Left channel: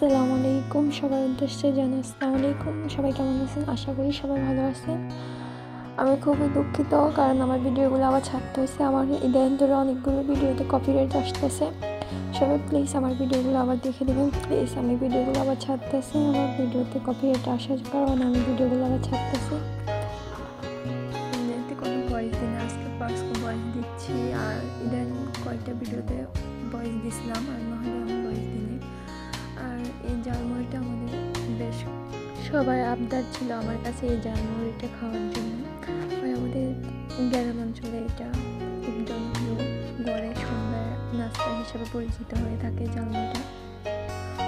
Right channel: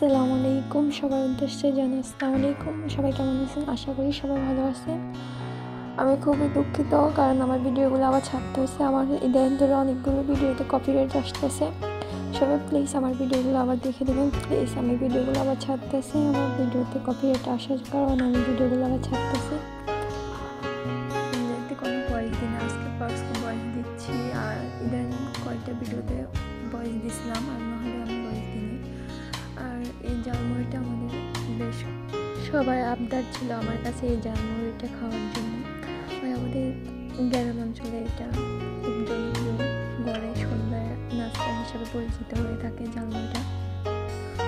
আসসালামু আলাইকুম, সবার উদ্দেশ্যে জানাই আসসালামু আলাইকুম। সবাই কেমন আছেন? আশা করি সবাই ভালো আছেন। আমি খুবই দুঃখিত, কারণ আমার ভিডিওগুলো আবার ছাড়তে হয়েছে। আমার ইদানিং ধরে অনেকগুলো ভিডিওতে কপিরাইট আসতেছে। সবাই প্লিজ আমার ভিডিওগুলো আবার দেখে দেবেন প্লিজ। আমি ভিডিওগুলো আবার ছাড়তেছি, আমার ভিডিওতে কপিরাইট আসার কারণে আমি ভিডিওগুলো আবার ছাড়তেছি। এতে কোনো ভয়েস দিই না, আজকে ফার্স্ট ভয়েস দিচ্ছি। আর ইদানিং কয়েকটা ভিডিওতে ভয়েস দিয়েছিলাম, আর নাহলে আমি ভয়েস দিই। আর এই ঝালমুড়িটা আমাদের বেশ সবাই আবদার ছিল আমার কাছে এই ঝালমুড়িটা খাওয়ার জন্য। আর আমাদের গ্রাম অঞ্চলে এটা খুব জনপ্রিয়, গড়ে সন্ধ্যায় নাস্তা হিসেবে পরিচিত হয়ে থাকে ঝালমুড়িটা।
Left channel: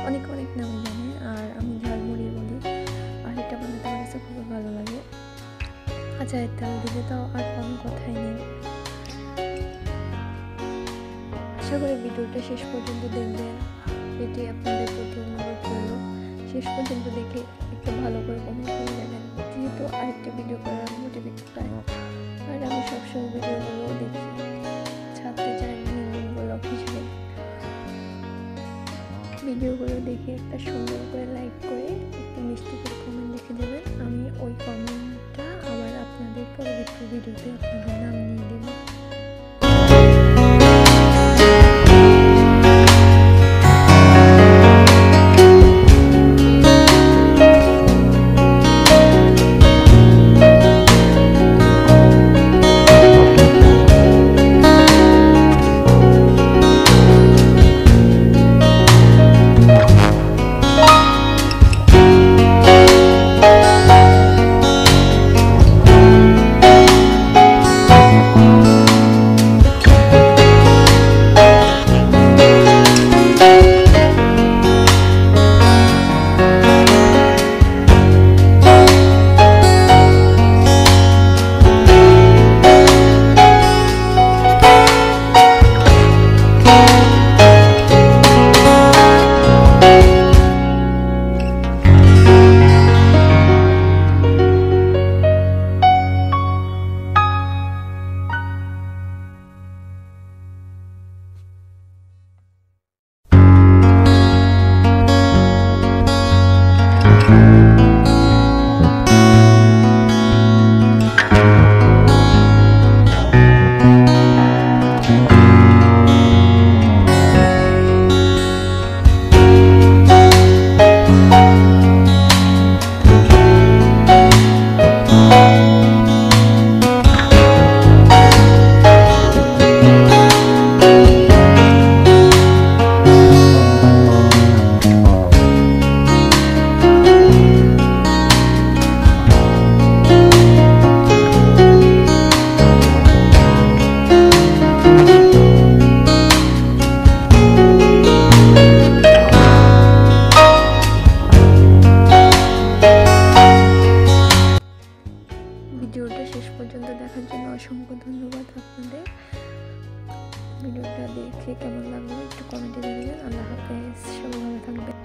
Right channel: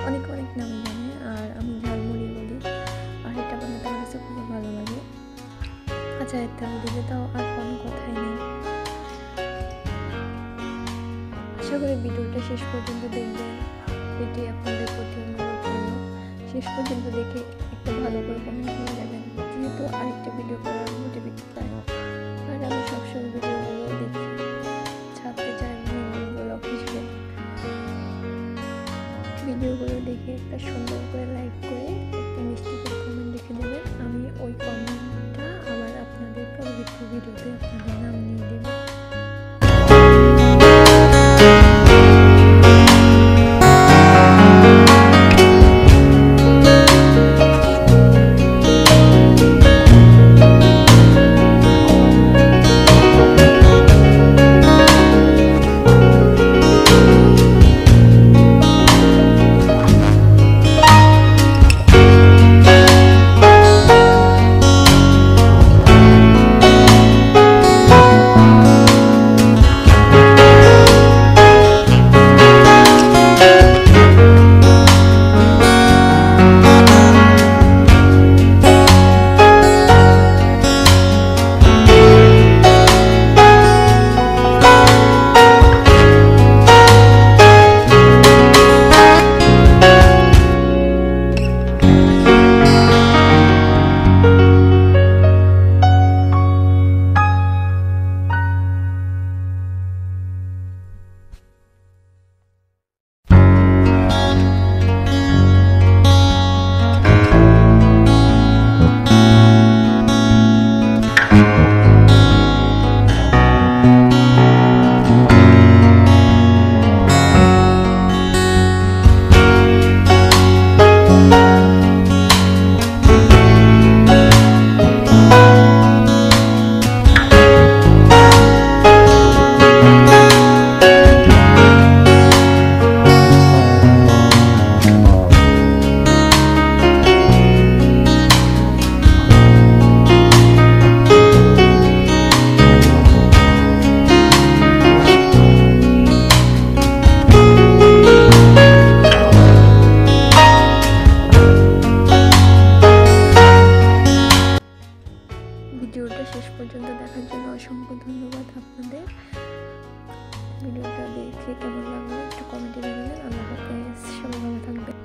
অনেক অনেক নামে জানে, আর আমি ঝালমুড়ি বলি। আর এটা বানাতে আমার কাছে খুবই ভালো লাগে। আচারের তেল দিলে তো আর কোনো কথাই নেই। আশা করি ভিডিওটা শেষ পর্যন্ত দেখবেন, এটি আপনাদের প্রতি অনুরোধ রইল। শেষ পর্যন্ত দেখে একটু ভালো করে কমেন্ট করে যাবেন, যেহেতু আরেকটা ভিডিও করার মোটিভেট পাই। আর আমি সবসময় ভিডিওগুলো দেখি, ছাড়তে চাই ব্লগ হিসেবে। ভিডিওগুলো দেখে একটা সুন্দর করে লাইক করে একটা মিষ্টি করে কমেন্ট লিখে দেবেন। আমি ওই কমেন্টটা আবার আপনাদের পরবর্তী ভিডিওতে আপনাদের নাম নিয়ে দেবো। ভিডিওটা শেষ পর্যন্ত দেখার জন্য অসংখ্য ধন্যবাদ আপনাদের। ভিডিওটা দেখে কেমন লাগলো একটু কমেন্টে জানাবেন। আল্লাহ হাফেজ, সবাই ভালো থাকবেন।